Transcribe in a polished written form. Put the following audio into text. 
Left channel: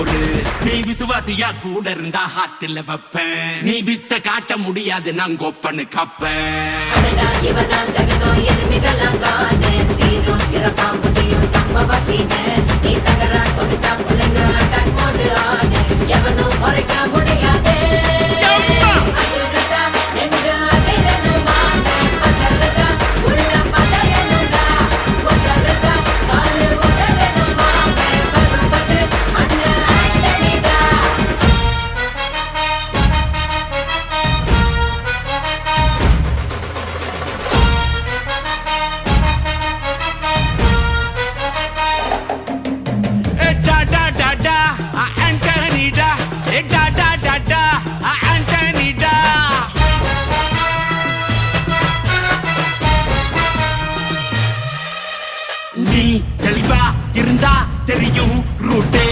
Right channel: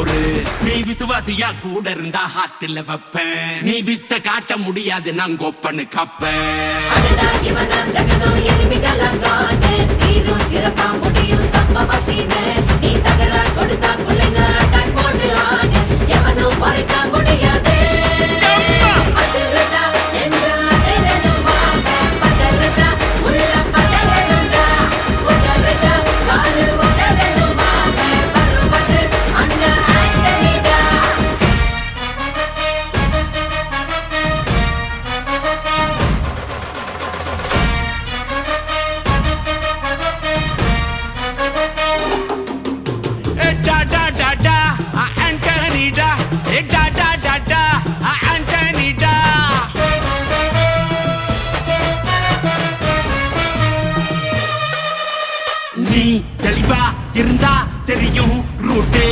பொறு. நீ விசுவாசியா கூட இருந்தா ஹார்ட்ல வைப்பேன். நீ வித்த காட்ட முடியாது நான் கோப்பனு கப்பேன். இவனாம் ஜெகதம் எருமிகளாங்கான சீரும் சிறப்பா முடியும் சம்பவ சீனு. நீ தகராறு கொடுத்தா பிள்ளைங்க அட்டாக் மோடு ஆனு. எவனும் மறைக்க முடியாதே. அதிர்றதா நெஞ்சு அதிரணுமாங்க. பதறதா உள்ள பதறணுண்டா. உதறதா காலு உதறணுமாங்க. வருவது அண்ணன் ஆண்டனிடா. Antonida, Antonida. நீ தெளிவா இருந்தா தெரியும் ரூட்டே.